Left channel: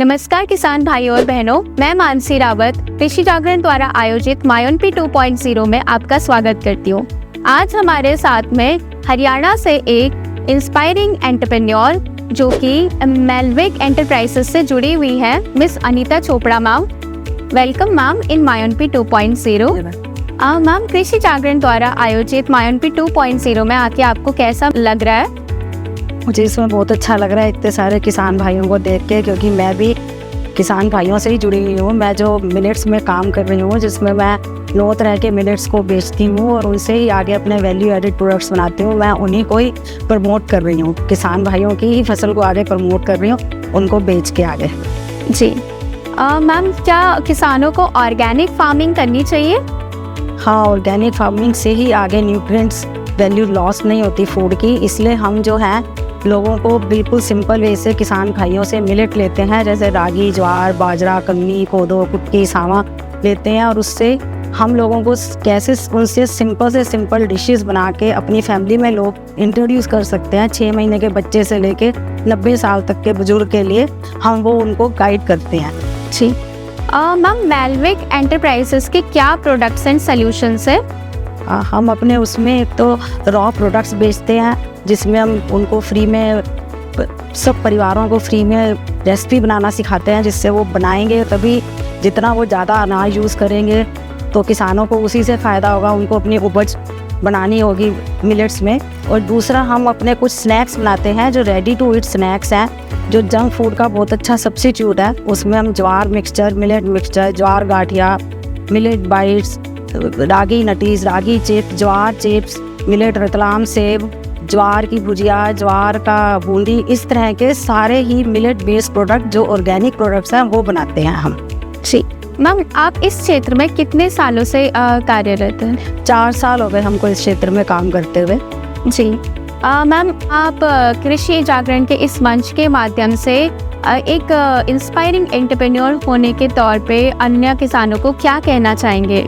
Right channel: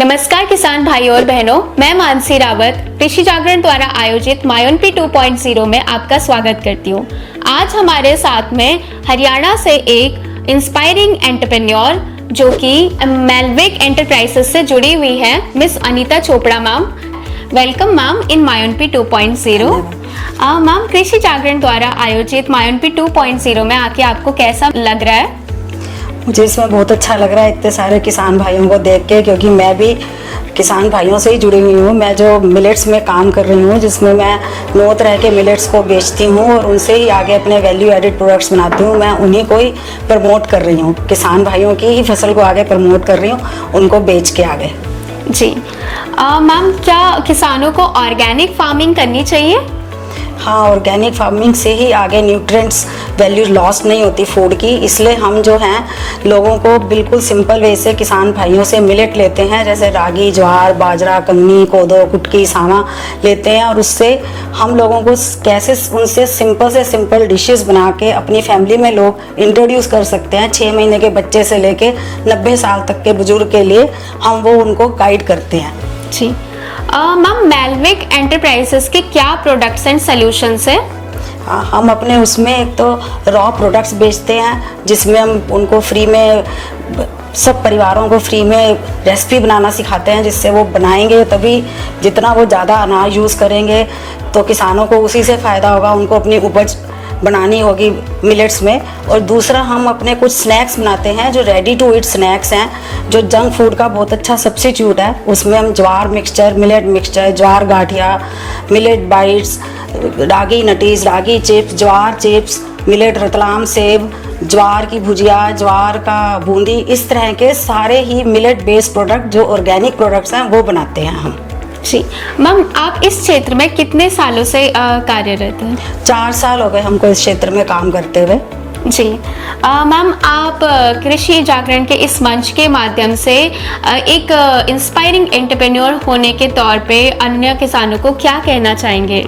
नमस्कार किसान भाइयों और बहनों, मैं मानसी रावत कृषि जागरण द्वारा आयोजित मायोनपी 2.0 में आपका स्वागत करती हूँ। आज हमारे साथ में हरियाणा से एक इंस्पायरिंग एंटरप्रेन्योर जो कि मेलविक एंटरप्राइजेस से जुड़ी हुई है, miss Anita Chopra ma'am. Welcome ma'am इन मायोनपी 2.0। मैम, कृषि जागरण द्वारा आयोजित मायोनपी 2.0 में आके आपको कैसा लग रहा है? मुझे इसमें बहुत अच्छा लग रहा है इतने सारे किसान भाइयों को देख के, क्योंकि मैं भी किसान भाइयों से ही जुड़ी हुई हूँ। मैं जो मिलेट्स में काम कर रही हूँ, जिसमें मैं 9 तरह के मिलेट्स को बेचती हूँ और उनसे ही आगे अपने वैल्यू एडेड प्रोडक्ट्स बनाती हूँ। मैं उन्हीं को ही प्रमोट कर रही हूँ, किसान भाइयों की ही फसल को आगे प्रमोट कर रही हूँ, उनको बेच के आगे। जी मैम, क्या किसानों को ऑर्गेनिक फार्मिंग करनी चाहिए? हाँ, ऑर्गेनिक फार्मिंग से ही आगे न्यूट्रिएंट्स वैल्यू लॉस नहीं होती फूड की। इसलिए हम जो हैं लोगों को बिल्कुल सिंपल वे से किसान भाइयों से मिलेट लेते हैं, जैसे रागी, ज्वार, बाजरा, कंगनी, कोदो, कुटकी, सावा लेते हैं, और उससे हम लोगों को कैसे उनसे सिंपल से सिंपल डिशेस बना के अपनी फैमिली में लोग इंट्रोड्यूस कर सकते हैं। 6 महीने के बच्चे से लेके 90 साल तक के बुजुर्ग के लिए हम वो उनको गाइड करते हैं। जी मैम, मेलविक एंटरप्राइजेस के क्या प्रोडक्ट्स एंड सॉल्यूशंस है? हम अपने उसमें एक तो रॉ प्रोडक्ट्स बेचते हैं, जिसमें हम उनको फ्री में, सब परिवारों को फ्री में रेसिपी बनाना सिखाते हैं, जिससे वो बनाएंगे तभी जितना वो ज़्यादा अनाज यूज़ करेंगे तो किसानों को उसी से फ़ायदा होगा, उनको अपनी उपज बनानी होगी मिलेट्स में। और दूसरा, हम अपने कुछ स्नैक्स बनाते हैं जो रेडी टू ईट स्नैक्स हैं, जो जंक फूड का बहुत अच्छा सब्स्टिट्यूट है। उसमें हम ज्वार मिक्सचर, मिलेट मिक्सचर, ज्वार गाठिया, मिलेट बाइट्स, रागी नटीज, रागी चिप्स, ज्वार चिप्स, मिलेट रतलाम सेब, ज्वार की भुजिया, ज्वार का बूंदी, इस तरह के सारे ही मिलेट बेस्ड प्रोडक्ट जो ऑर्गेनिक प्रोडक्ट्स हैं वो बनाते हैं हम। जी मैम, आप इस क्षेत्र में कितने सालों से कार्यरत हैं? 4 साल हो गए हमको इस क्षेत्र में काम करते हुए। जी मैम, आप कृषि जागरण के इस मंच के माध्यम से एक इंस्पायरिंग एंटरप्रेन्योर होने के तौर पे अन्य किसानों को क्या कहना चाहेंगे?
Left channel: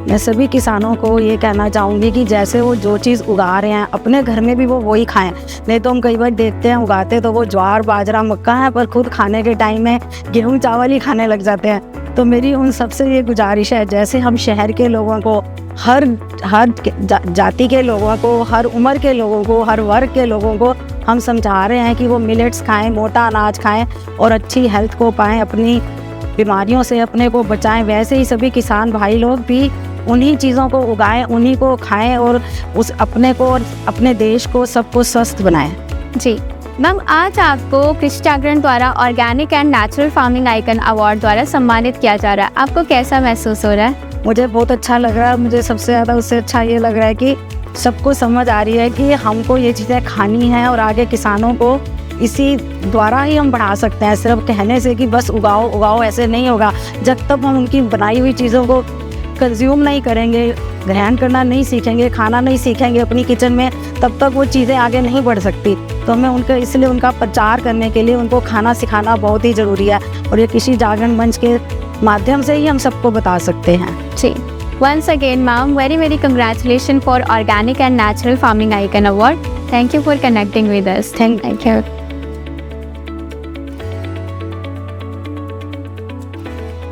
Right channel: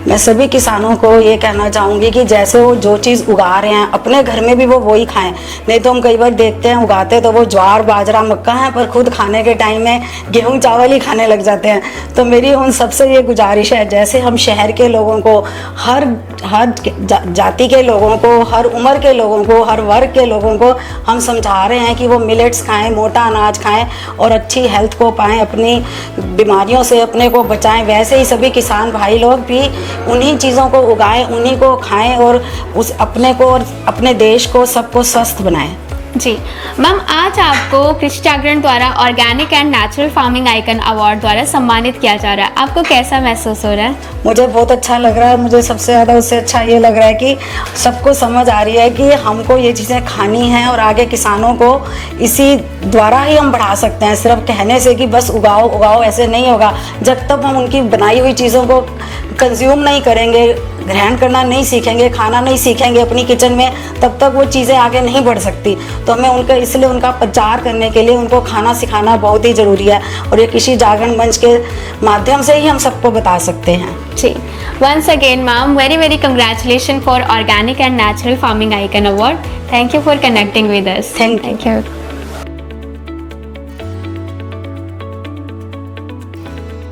मैं सभी किसानों को ये कहना चाहूँगी कि जैसे वो जो चीज़ उगा रहे हैं अपने घर में भी वो वही खाएं। नहीं तो हम कई बार देखते हैं उगाते तो वो ज्वार, बाजरा, मक्का है, पर खुद खाने के टाइम में गेहूँ चावल ही खाने लग जाते हैं। तो मेरी उन सबसे ये गुजारिश है, जैसे हम शहर के लोगों को, हर जाति के लोगों को, हर उम्र के लोगों को, हर वर्ग के लोगों को हम समझा रहे हैं कि वो मिलेट्स खाएँ, मोटा अनाज खाएँ और अच्छी हेल्थ को पाएँ, अपनी बीमारियों से अपने को बचाएँ। वैसे ही सभी किसान भाई लोग भी उन्हीं चीज़ों को उगाएं, उन्हीं को खाएं और उस अपने को और अपने देश को, सबको स्वस्थ बनाएं। जी मैम, आज आपको कृषि जागरण द्वारा organic and natural farming icon award द्वारा सम्मानित किया जा रहा है। आपको कैसा महसूस हो रहा है? मुझे बहुत अच्छा लग रहा है। मुझे सबसे ज़्यादा उससे अच्छा ये लग रहा है कि सबको समझ आ रही है कि हमको ये चीज़ें खानी हैं और आगे किसानों को इसी द्वारा ही हम बढ़ा सकते हैं। सिर्फ कहने से कि बस उगाओ उगाओ ऐसे नहीं होगा। जब तक हम उनकी बनाई हुई चीज़ों को कंज्यूम नहीं करेंगे, ग्रहण करना नहीं सीखेंगे, खाना नहीं सीखेंगे अपनी किचन में, तब तक वो चीज़ें आगे नहीं बढ़ सकती। तो हमें उनके इसलिए उनका प्रचार करने के लिए उनको खाना सिखाना बहुत ही ज़रूरी है, और ये कृषि जागरण मंच के माध्यम से ही हम सबको बता सकते हैं। जी, once again ma'am, very congratulation for organic and natural farming icon award. Thank you for connecting with us. Thank you.